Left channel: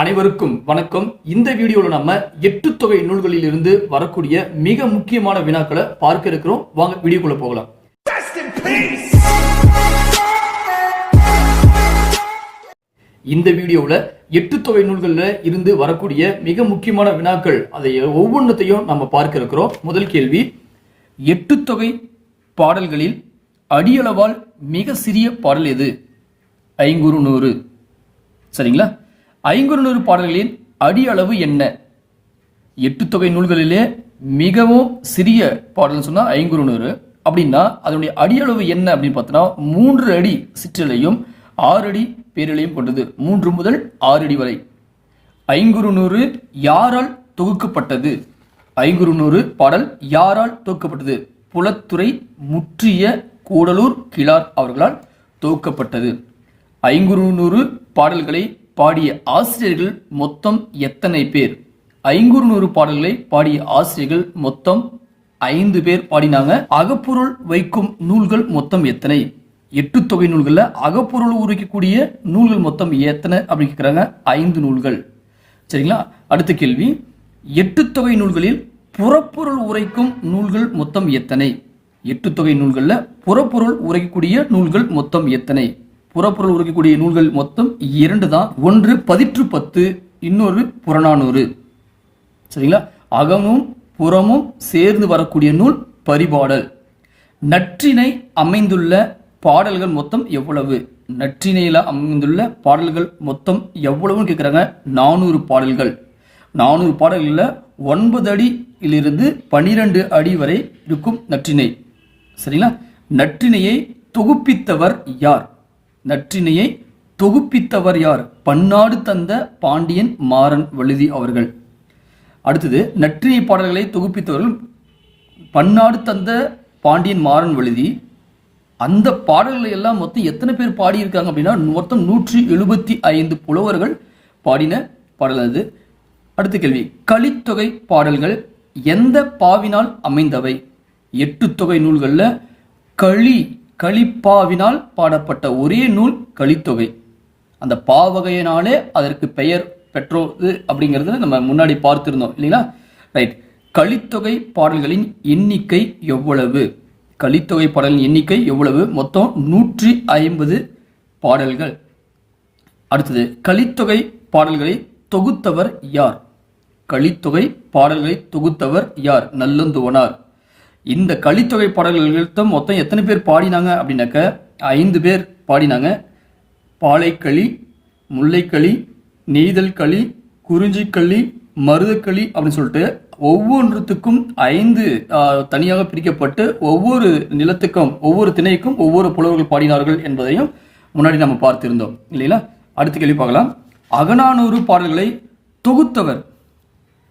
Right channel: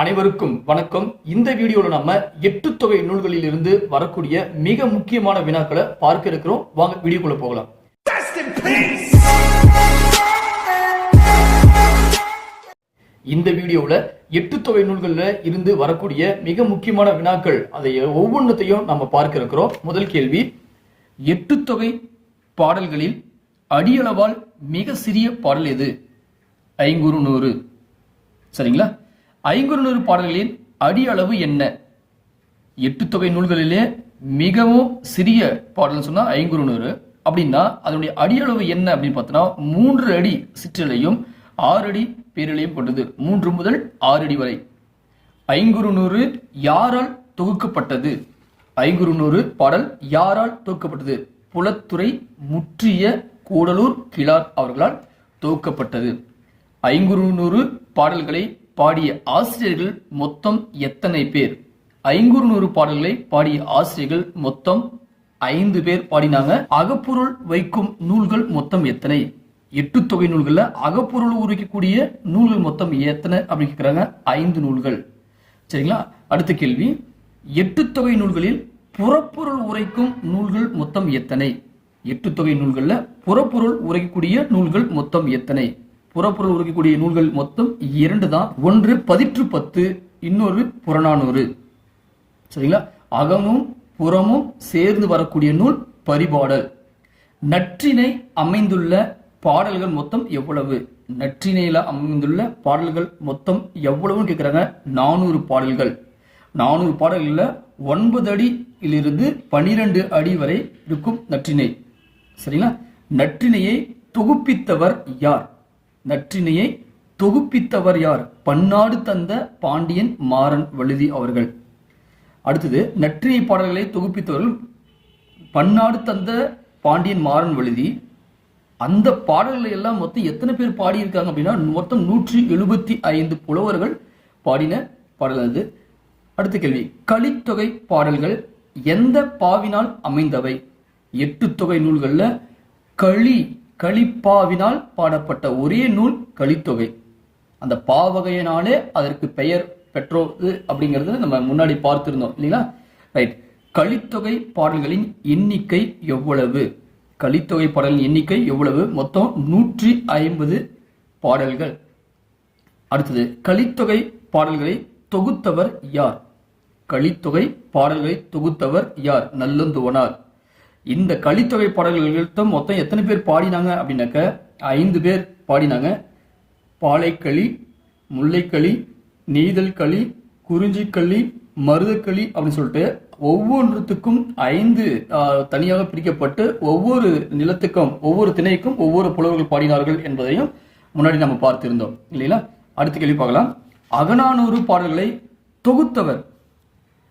அனைவருக்கும் வணக்கம். இந்த வீடியோல நம்ம எட்டு தொகை நூல்களில் இருந்து வரக்கூடிய மிக முக்கியமான வினாக்களை பார்க்க இருக்கிறோம். வாங்க வீடியோக்குள்ள போகலாம்! இந்த வீடியோவில் எட்டு தொகை நூல்கள்ல இருந்து வரக்கூடிய மிக முக்கியமான வினாக்கள் அதை ஒவ்வொன்றத்தையும் நம்ம பார்க்க இருக்கிறோம். முதல் கேள்வி எட்டு தொகை பாடல்களில் அடியளவால் மிக சிறிய பாடல் எது? ஐங்குறு நூறு. சரிங்களா? ஐங்குறுநூறு பாடல்களின் அடி அளவு என்ன? எட்டு தொகை நூல்களிலே மிகவும் சிறிய பாடல் சொன்னா ஐங்குறுநூறு. அப்படின்னா அதனுடைய அடி அளவு என்ன அப்படின்னு பார்த்தோம்னா மூன்று அடி சிற்றிலையும் ஆறு அடி பேரிலையும் கொண்டது. மூன்று முதல் ஆறு அடி வரை. ஐங்குறுநூறு யாரால் தொகுக்கப்பட்டது? ஐங்குறுநூறு பாடல் யாரால் தொகுக்கப்பட்டது? புலத்துறை முற்றிய கூடலூர் கிளார் அவர்களால் தொகுக்கப்பட்டது. ஐங்குறுநூறு பாடல்களை பாடிய ஆசிரியர்கள் மொத்தம் எத்தனை பேர்? ஐங்குறு நூறு பாடல்களை பாடிய ஆசிரியர்கள் மொத்தம் ஐந்து பேர் பாடினாங்க. அகப்பொருள் வைக்கும் நூல்கள் மொத்தம் எத்தனை? எட்டு தொகை நூல்கள்ல அகப்பொருள் உரைக்கக்கூடிய நூல்கள் மொத்தம் எத்தனை அப்படின்னு கேக்குறாங்க. ஐந்து நூல்கள். சரிங்களா? அடுத்த கேள்வி. எட்டு தொகை நூல்களில் புறப்பொருள் உரைக்கும் நூல்கள் மொத்தம் எத்தனை? எட்டு தொகை நூல்களில் புறப்பொருள் உரைக்கக்கூடிய நூல்கள் மொத்தம் எத்தனை? புறப்பொருள் உரைக்கக்கூடிய நூல்கள் மொத்தம் இரண்டு தான். ஒன்று பதிற்று பத்து இன்னொரு புறநானூறு. சரிங்களா? அகமும் புறமும் சேர்ந்து வரக்கூடிய நூல் பரிபாடல். நற்றினை அமைந்துள்ள பாடல்கள் மொத்தம் எவ்வளவு? நற்றினையில் அமைந்துள்ள பாடல்கள் மொத்தம் எவ்வளவுன்னு கேட்குறாங்க நானூறு பாடல்கள். நானூறு பாடல்களில் ஒன்பது அடியிலிருந்து பனிரெண்டு அடி வரை இருக்கும் நற்றினை. சரிங்களா? நற்றினையை தொகுப்பித்தவர் யார்? நற்றினையை தொகுப்பித்தவர் யார்? பன்னாடு தந்த பாண்டியன் மாறன் வழுதி அவர்கள். அடுத்தது நற்றினை பாடல்களை தொகுப்பித்தவர்கள் பன்னாடு தந்த பாண்டியன் மாறன் வழுதி. அந்த பாடல்களை எல்லாம் மொத்தம் எத்தனை பேர் பாடியிருக்காங்க அப்படின்னா மொத்தம் நூற்றி எழுபத்தி ஐந்து புலவர்கள் பாடின பாடல் அது. அடுத்த கேள்வி கலித்தொகை பாடல்கள் எந்த பாவினால் அமைந்தவை? எட்டு தொகை நூல்களில் களி கலிப்பாவினால் பாடப்பட்ட ஒரே நூல் கலித்தொகை அந்த பாவகையினாலே அதற்கு பெயர் பெற்றோது அப்படிங்கிறது நம்ம முன்னாடி பார்த்திருந்தோம் இல்லைங்களா? ரைட் கலித்தொகை பாடல்களின் எண்ணிக்கை எவ்வளவு? கலித்தொகை பாடல்களின் எண்ணிக்கை எவ்வளவு? மொத்தம் நூற்றி ஐம்பது பாடல்கள். அடுத்தது கலித்தொகை பாடல்களை தொகுத்தவர் யார்? கலித்தொகை பாடல்களை தொகுத்தவர் யார்? நல்லந்துவனார். இந்த கலித்தொகை பாடல்கள் மொத்தம் எத்தனை பேர் பாடினாங்க அப்படின்னாக்க ஐந்து பேர் பாடினாங்க. பாலைக்களி முல்லைக்களி நெய்தல் களி குறிஞ்சிக்களி மருதக்களி அப்படின்னு சொல்லிட்டு ஒவ்வொன்றுத்துக்கும் ஐந்து தனியாக பிரிக்கப்பட்டு ஒவ்வொரு நிலத்துக்கும் ஒவ்வொரு திணைக்கும் ஒவ்வொரு புலவர்கள் பாடினார்கள் என்பதையும் முன்னாடி நம்ம பார்த்திருந்தோம். இல்லைங்களா? அடுத்த கேள்வி பார்க்கலாம். அகநானூறு பாடல்களை தொகுத்தவர்.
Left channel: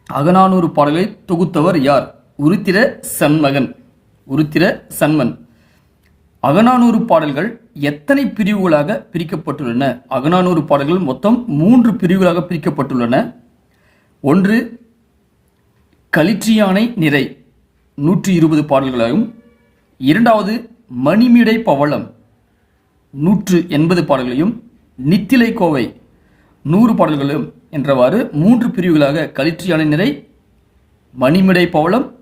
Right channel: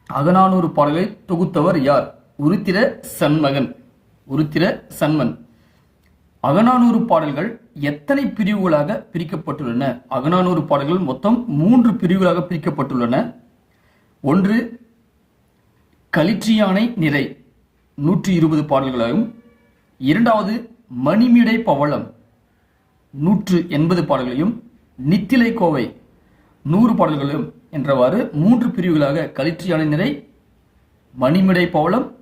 அகநானூறு பாடல்களை தொகுத்தவர் யார்? உருத்திர சண்மகன் உருத்திர சண்மன். அகநானூறு பாடல்கள் எத்தனை பிரிவுகளாக பிரிக்கப்பட்டுள்ளன? அகநானூறு பாடல்கள் மொத்தம் மூன்று பிரிவுகளாக பிரிக்கப்பட்டுள்ளன. ஒன்று களிற்றியானை நிறை நூற்றி இருபது பாடல்களாகும். இரண்டாவது மணிமிடை பவளம் நூற்று எண்பது பாடல்களையும். நித்திலை கோவை நூறு பாடல்களும் என்றவாறு மூன்று பிரிவுகளாக கலிற்றியானை நிறை மணிமிடை பவளம்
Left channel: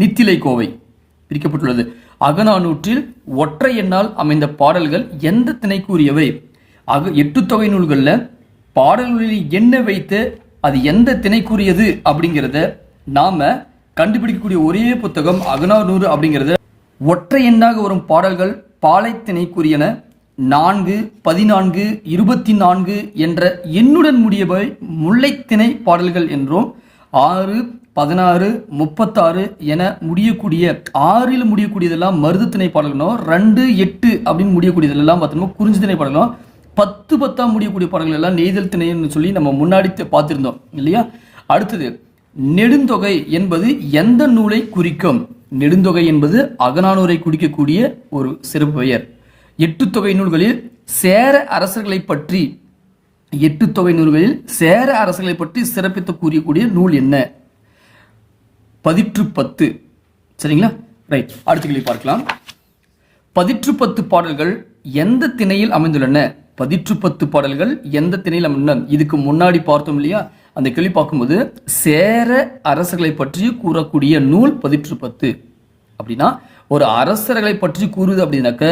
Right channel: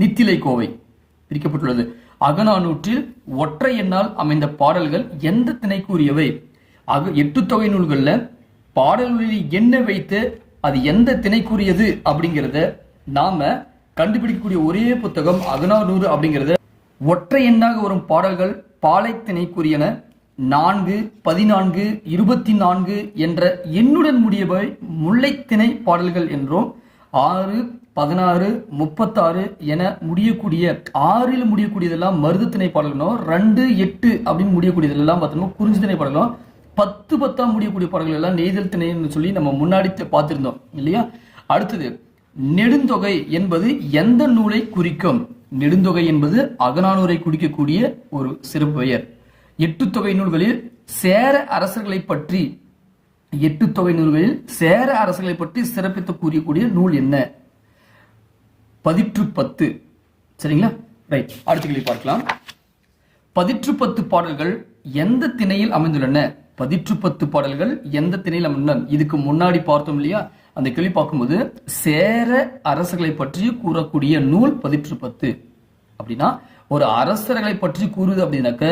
நித்திலை கோவை பிரிக்கப்பட்டுள்ளது. அகநானூற்றில் ஒற்றை எண்ணால் அமைந்த பாடல்கள் எந்த திணைக்குரியவை? அக எட்டு தொகை நூல்களில் பாடல்களில் எண்ண வைத்து அது எந்த திணைக்குரியது அப்படிங்கிறத நாம கண்டுபிடிக்கக்கூடிய ஒரே புத்தகம் அகநானூறு அப்படிங்கிறத. ஒற்றை எண்ணாக வரும் பாடல்கள் பாலை திணைக்குரியன. நான்கு பதினான்கு இருபத்தி நான்கு என்ற எண்ணுடன் முடியவை முல்லைத்திணை பாடல்கள் என்றும் ஆறு பதினாறு முப்பத்தாறு என முடியக்கூடிய ஆறில் முடியக்கூடியதெல்லாம் மருது திணைப்பாடல்களும் ரெண்டு எட்டு அப்படின்னு முடியக்கூடியதெல்லாம் பார்த்தோம்னா குறிஞ்சி திணைப்பாடலும் பத்து பத்தா முடியக்கூடிய பாடல்கள் எல்லாம் நெய்தல் திணைன்னு சொல்லி நம்ம முன்னாடி பார்த்துருந்தோம் இல்லையா? அடுத்தது நெடுந்தொகை என்பது எந்த நூலை குறிக்கும்? நெடுந்தொகை என்பது அகநானூரை குறிக்கக்கூடிய ஒரு சிறப்பு பெயர். எட்டு தொகை நூல்களில் சேர அரசர்களை பற்றி எட்டு தொகை நூல்களில் சேர அரசுகளை பற்றி சிறப்பித்து கூறியக்கூடிய நூல் என்ன? பதிற்று பத்து சரிங்களா? ரைட் அடுத்த கேள்வி பார்க்கலாம். பதிற்று பத்து பாடல்கள் எந்த திணையில் அமைந்துள்ளன? பதிற்று பத்து பாடல்கள் எந்த திணையில் அமைந்தன இதுக்கு முன்னாடி பார்த்தோம் இல்லையா? அந்த கேள்வி பார்க்கும்போது சேர அரசர்களை பற்றி கூறக்கூடிய நூல் பதிற்று பத்து அப்படின்னா ஒரு அரசர்களை பற்றி கூறுது அப்படின்னாக்க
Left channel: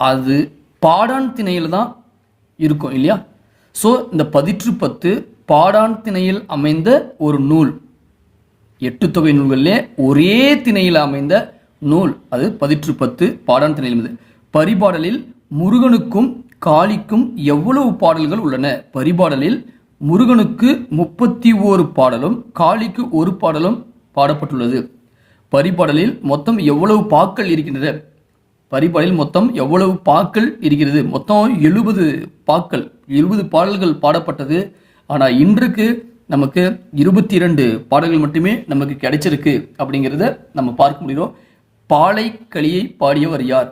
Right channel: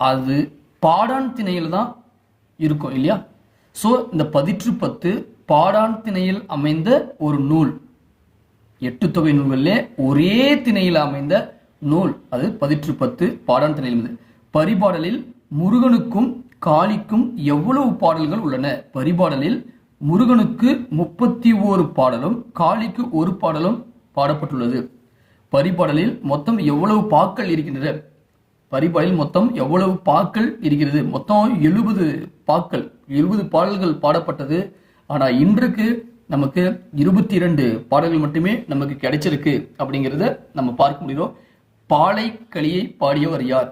அது பாடான் திணையில தான் இருக்கும் இல்லையா? ஸோ இந்த பதிற்று பத்து பாடான் திணையில் அமைந்த ஒரு நூல். எட்டு தொகை நூல்களிலே ஒரே திணையில் அமைந்த நூல். அது பதிற்று பத்து பாடான் திணையில் அமைந்தது. பரிபாடலில் முருகனுக்கும் காளிக்கும் எவ்வளவு பாடல்கள் உள்ளன? பரிபாடலில் முருகனுக்கு முப்பத்தி ஓரு பாடலும் காளிக்கு ஒரு பாடலும் பாடப்பட்டுள்ளது. பரிபாடலில் மொத்தம் எவ்வளவு பாக்கள் இருக்கின்றன? பரிபாடலில் மொத்தம் எவ்வளவு பாக்கள் இருக்கிறது? மொத்தம் எழுபது பாக்கள். எழுபது பாடல்கள் பாடப்பட்டது. ஆனால் இன்றைக்கு நமக்கு இருபத்தி இரண்டு பாடல்கள் மட்டுமே நமக்கு கிடைச்சிருக்கு அப்படிங்கிறத நம்ம பார்க்க முடியும் பாலை களியை பாடியவர் யார்?